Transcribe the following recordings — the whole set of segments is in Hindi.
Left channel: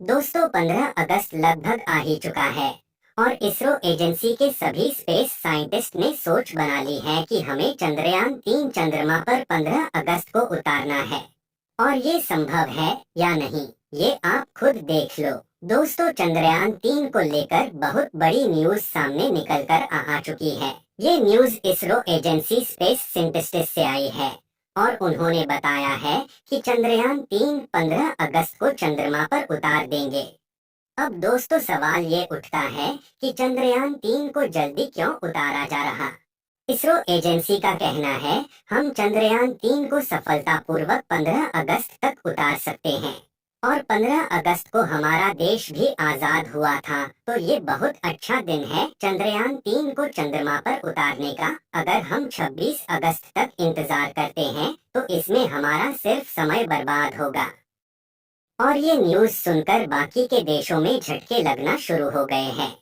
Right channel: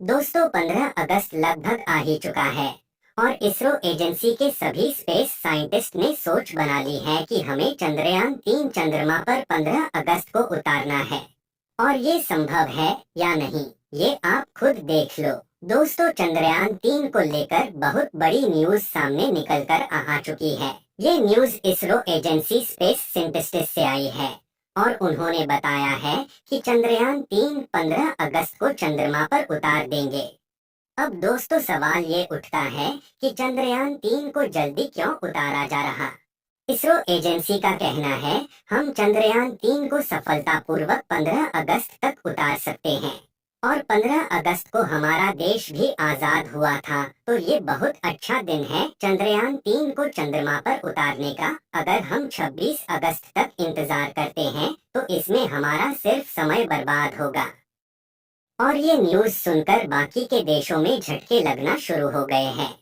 दोस्तों 15 अगस्त लगभग आ ही चुका है और इसरो एजेंसी के सभी स्पेस साइंटिस्ट ने सोच बना ली है कि हमें चंद्रयान 3 चंद्रमा पर 15 अगस्त को उतारना है। और ये संभव है या नहीं, ये आप खुद देख लो। दोस्तों, चंद्रयान 3 को लेकर बहुत बड़ी न्यूज सामने निकल कर आ चुकी है। ये news ISRO agency space scientist से आई है और उन्होंने बताया है कि चंद्रयान 3 15 अगस्त को चंद्रमा पर उतार देंगे। अब दोस्तों, सवाल ये उठता है कि चंद्रयान 3 को जल्दी क्यों उतारा जा रहा। इसरो एजेंसी का कहना है, हम चंद्रयान 3 को सफलतापूर्वक 15 अगस्त तक उतार सकते हैं और 15 अगस्त को हमारा देश भी आजाद हुआ था, तो ये बहुत अच्छा दिन है चंद्रयान 3 को चंद्रमा पर उतारने का। अगर हम 26 अगस्त तक इंतजार करते हैं तो इसमें हमारा सिर्फ समय बर्बाद होगा। और ये न्यूज़ सुनकर बाकी के देशों में झटके लगना शुरू हो गए हैं।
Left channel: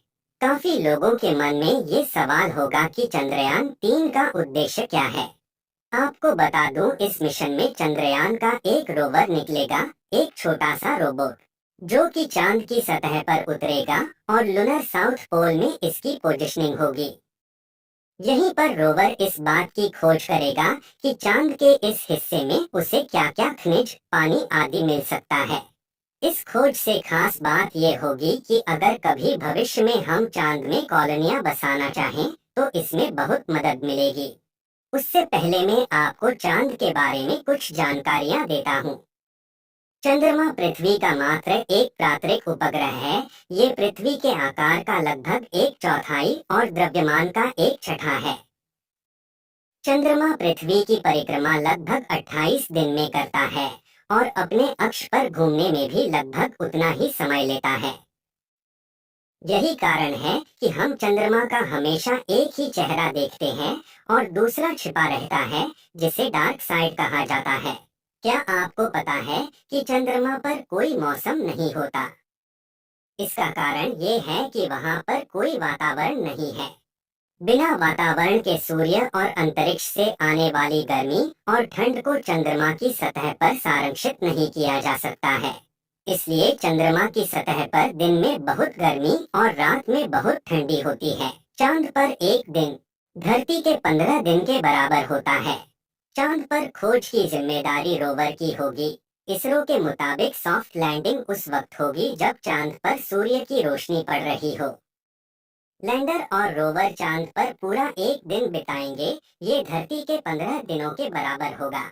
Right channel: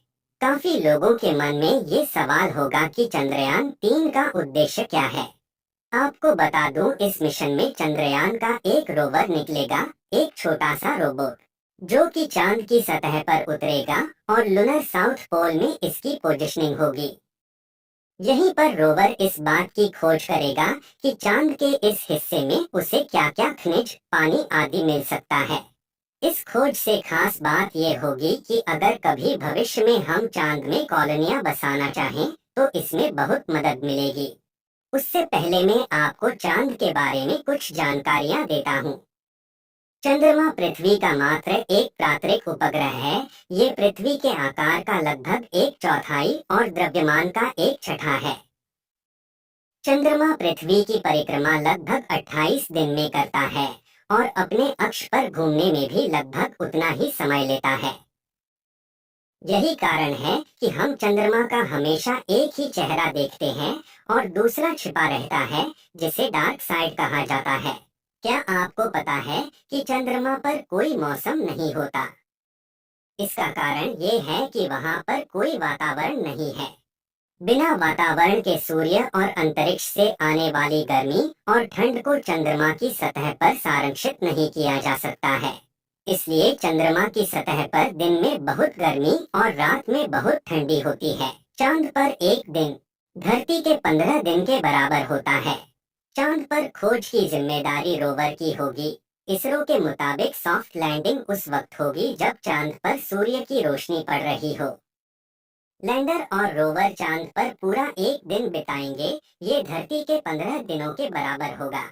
काफी लोगों के मन में ये सवाल होगा कि चंद्रयान 3 का उद्देश्य क्या है। आपको बता दूं, इस मिशन में चंद्रयान का एक रोवर निकलेगा, एक छोटा सा रोबोट, जो कि चांद की सतह पर उतरेगा और लूनर साउथ पोल में इसकी पोजीशनिंग होगी। यहीं पर रोवर इस बात की खोज करेगा कि चांद के इस हिस्से में उसे क्या क्या खनिज, पानी आदि मिल सकता है। इस खोज से खास बात यह होगी कि अगर कभी भविष्य में हम चांद में कॉलोनियां बसाना चाहें तो इसमें बहुत मदद मिलेगी। उससे पहले मैं आपको चांद के बारे में कुछ जानकारियां देता हूं। चंद्रमा पृथ्वी का मात्र एक प्राकृतिक उपग्रह है। ये पृथ्वी के आकार का लगभग एक चौथाई और द्रव्यमान का एक छठा है। चंद्रमा पृथ्वी की परिक्रमा लगभग 28 दिन में करता है और अपने अक्ष पर घूमने में भी लगभग उतना ही समय लेता है। यही कारण है कि हम चंद्रमा का हमेशा एक ही चेहरा देखते हैं और दूसरा छिपा रहता है, जिसे डार्क साइड कहा जाता है। क्या आपको पता है कि चंद्रमा पर कोई मौसम नहीं होता? इसका कारण ये है कि वहां पर कोई वातावरण नहीं है। बिना वातावरण के सूर्य और अंतरिक्ष से आने वाली गर्मी और ठंड को चंद्रमा की सतह पर संरक्षित नहीं किया जा सकता है। इसलिए चंद्रमा की सतह पर दिन में बहुत गर्मी और रात में बहुत ठंडी होती है। चांद पर एक दिन धरती के 15 दिन के बराबर होता है। चांद पर खोज की जिम्मेदारी रोवर की होगी। इसरो के मुताबिक सॉफ्ट लैंडिंग उस वक्त होगी जब चांद पर सूर्य की रोशनी पड़ रही हो। लैंडर और रोवर चांद पर पूरा एक दिन बिताएंगे। ये धरती के 15 दिनों के बराबर होगा।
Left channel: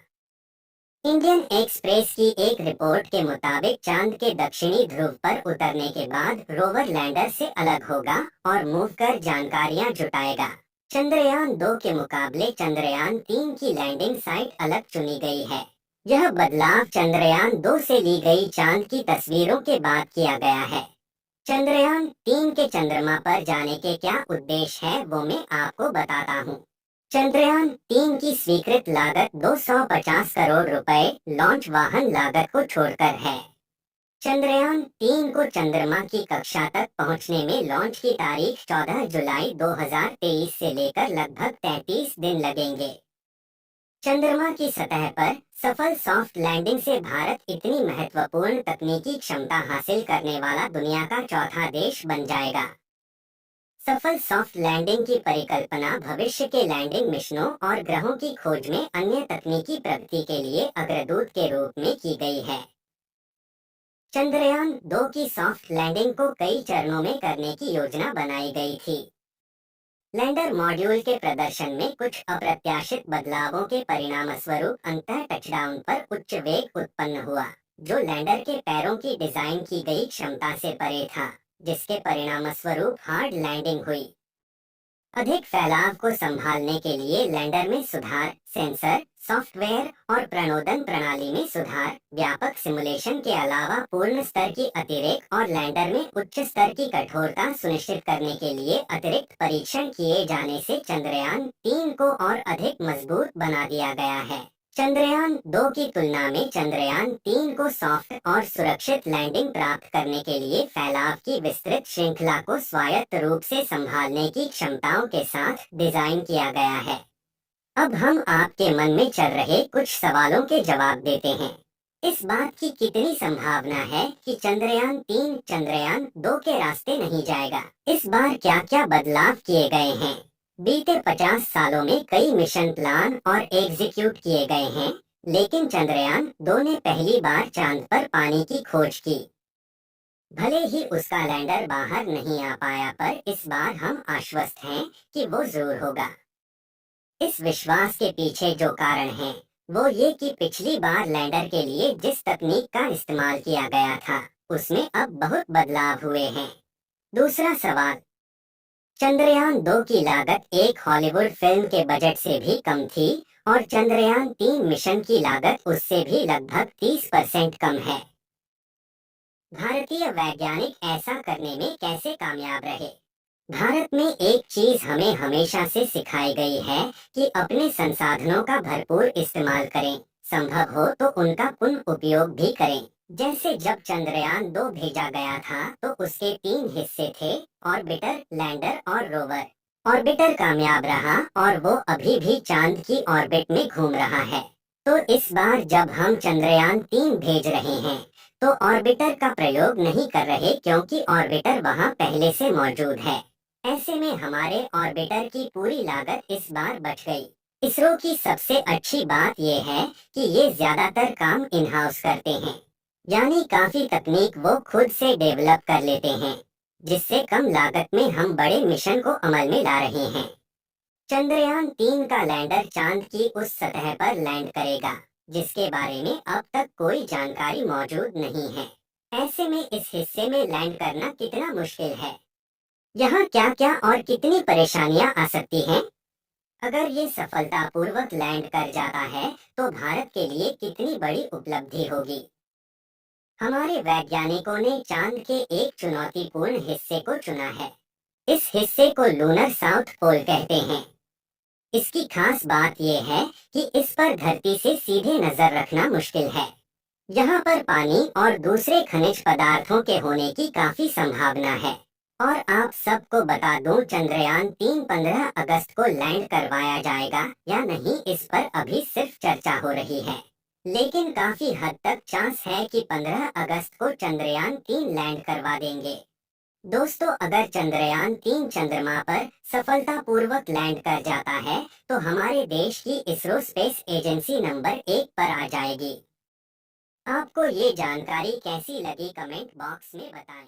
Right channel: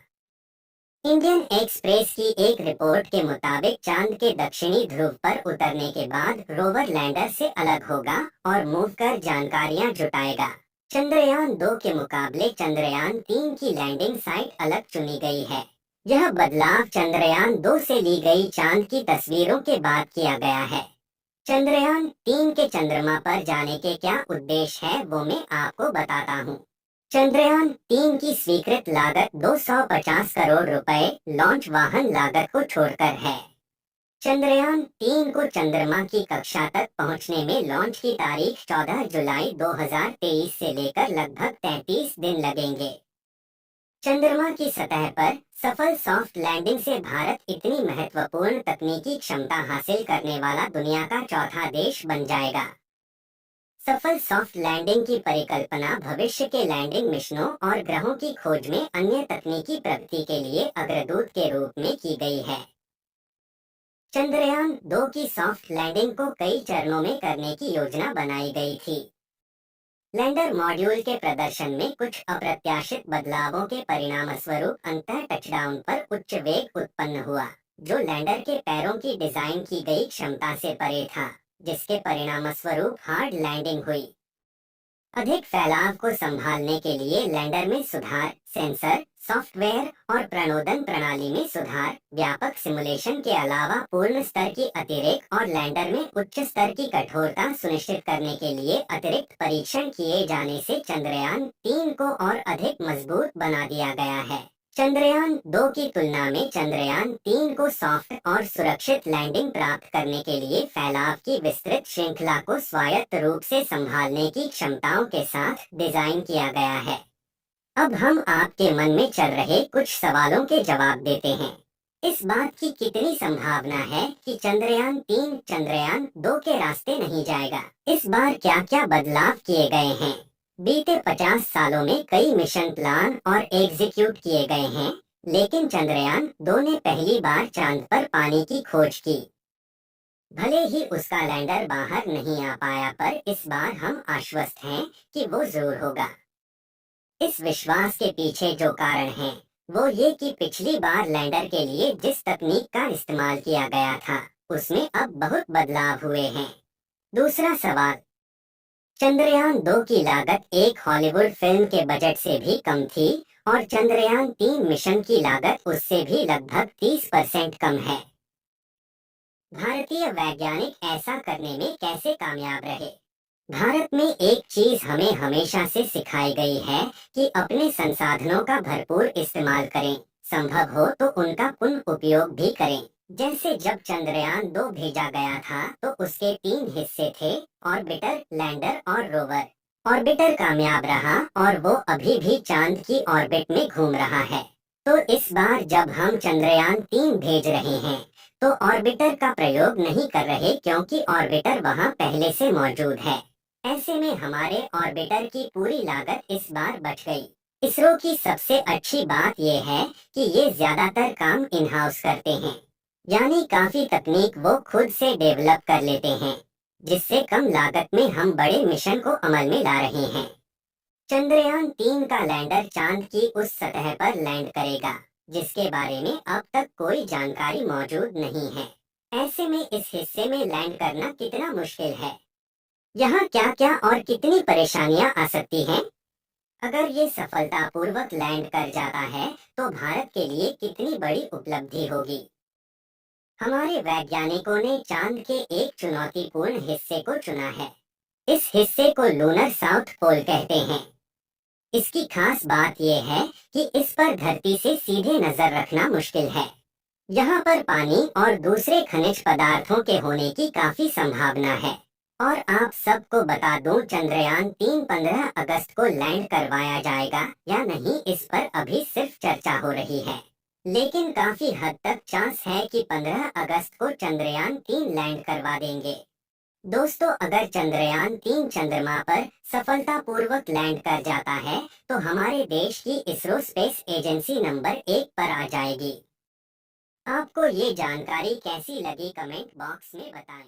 इंडियन एक्सप्रेस की एक रिपोर्ट के मुताबिक चांद के दक्षिणी ध्रुव पर उतरने के बाद रोवर लैंडर से अलग होगा और मूव कर जानकारियां जुटाएगा। चंद्रयान 2 के मुकाबले चंद्रयान 3 की लैंडिंग साइट अलग चुनी गई है। यह बदलाव चंद्रयान 2 से ली गई चांद की तस्वीरों के बाद किया गया है। चंद्रयान 3 के चंद्रमा पर जाने के क्या उद्देश्य है वो मैं आपको बताता हूँ। चंद्रयान 3 की स्वीकृत लागत 250 करोड़ रुपए लॉन्च वाहन लागत को छोड़कर है। चंद्रयान 3 को चंद्रमा की कक्षा तक पहुंचने में लॉन्च की तारीख 14 जुलाई 2023 से लेकर लगभग 33 दिन लगेंगे। चंद्रमा की सतह पर सफल सॉफ्ट लैंडिंग से भारत इतनी महत्वपूर्ण तकनीकी क्षमता हासिल करने वाला दुनिया का चौथा देश बन जाएगा। सफल सॉफ्ट लैंडिंग की परिकल्पना भविष्य के लैंडिंग मिशनों और ग्रहों की खोज में अन्य तकनीकी प्रगति के लिए अग्रदूत के रूप में की गई है। चंद्रयान 2 की सॉफ्ट लैंडिंग को कई चरणों में करने की योजना बनाई गई थी। लैंडर मॉड्यूल के प्रदर्शन में कुछ अप्रत्याशित बदलावों के परिणामस्वरूप अंतः टचडाउन पर उच्च वेग उत्पन्न हुआ, जो लैंडर के पैरों की डिजाइन की गई क्षमता से परे था, जिसके परिणामस्वरूप हार्ड लैंडिंग हुई। अधिक फैलाव को संभालने के लिए लैंडर में सुधार, सेंसर, सॉफ्टवेयर और प्रणोदन प्रणाली में सुधार, व्यापक सिमुलेशन के अलावा पूर्ण स्तर की अतिरेक और लैंडर में उच्च स्तर की कठोरता सुनिश्चित करने के लिए अतिरिक्त परीक्षण किए जाने से चंद्रयान 3 को और अधिक मजबूत बना दिया गया है। चंद्रयान 2 की तुलना में चंद्रयान 3 को सॉफ्ट और सुरक्षित लैंडिंग प्राप्त करने के लिए फैलाव की विस्तृत श्रृंखला को स्वायत्त रूप से संभालने की क्षमताओं के साथ डिजाइन किया गया है। अब हम आपके मन में चल रहे कुछ सवालों के जवाब देते हैं। इस बात की कितनी संभावना है कि चंद्रयान 3 चंद्रयान 2 के रास्ते नहीं जाएगा? इस बार क्या क्या बदलाव किए गए हैं? बीते 50 सालों में कई मिशन प्लान और एग्जीक्यूट किए गए हैं, लेकिन चंद्रयान 2 ने पहली बार चांद पर पानी की खोज की। भले ही उसका लैंडर बाहर नहीं आ पाया, पर इस बार हम आश्वस्त हैं कि वो जरूर होगा। इस विश्वास के पीछे जो कारण है वो ये कि पिछली बार लैंडर के लिए जिस तकनीक का इस्तेमाल किया गया था उसमें अब बहुत बदलाव हुए हैं। दूसरा सवाल, चंद्रयान 2 की लागत एक हॉलीवुड फिल्म के बजट से भी कम थी और चंद्रयान 3 मिशन की लागत उससे भी लगभग 30% कम है। भारतीय वैज्ञानिक ऐसा करने में कैसे कामयाब रहे? भारत में एक चीज हमें हमेशा से सिखाई गई है कि अपने संसाधनों का भरपूर इस्तेमाल करें, संभव हो तो उनका पुनः उपयोग भी करें। जैसे जब चंद्रयान 2 भेजा गया था तो उसके 3 हिस्से थे, ऑर्बिटर, लैंडर और रोवर। ऑर्बिटर कामयाब रहा और वो अभी भी चांद की ऑर्बिट में घूम रहा है। तो इस बार जब हम चंद्रयान 3 भेज रहे हैं तो ऑर्बिटर का प्रयोग नहीं कर रहे, क्योंकि ऑर्बिटर वहां पहले से मौजूद है। ऐसे में हमारे ऑर्बिटर की पूरी लागत इस बार बच गई। इसरो की सबसे अच्छी बात यह है कि ये ज्यादातर काम इन हाउस करते हैं, यानी काफी तकनीक वो खुद से डेवलप कर लेते हैं, जिससे कम लागत में हम बड़े मिशन को अमल में ला रहे हैं। चंद्रयान 3 का लैंडर चांद की उस सतह पर लैंड करेगा जिसके बारे में अब तक कोई जानकारी मौजूद नहीं है। ऐसे में इस हिस्से में लैंड करना कितना मुश्किल है? यहाँ क्या क्या और कितनी परेशानियां आ सकती हैं? अगर ये सफलतापूर्वक लैंड कर जाता है तो भारत के लिए कितनी बड़ी उपलब्धि होगी। हमारे वैज्ञानिकों ने चांद के एक चुनौतीपूर्ण हिस्से को चुना है। इस हिस्से को लूनर साउथ पोल कहते हैं। इसकी खास बात यह है कि इस पर धरती से सीधे नजर रखना मुश्किल है। यहाँ पर पानी और दूसरे खनिज पदार्थों के होने की काफी संभावना है। और आप सबको बता दूं, चंद्रयान 3 15 अगस्त को लैंड करवाया जाएगा या नहीं, इस पर अभी सिर्फ चर्चा हो रही है, लेकिन काफी हद तक चांस है कि 15 अगस्त को चंद्रयान 3 लैंड करवा देंगे। दोस्तों, अगर चंद्रयान 3 चंद्रमा पर सफलतापूर्वक लैंड कर जाता है तो हमारे देश की इसरो स्पेस एजेंसी नंबर 1 पर आ जाएगी। आपको ये जानकारी कैसी लगी, कमेंट बॉक्स में बताएं।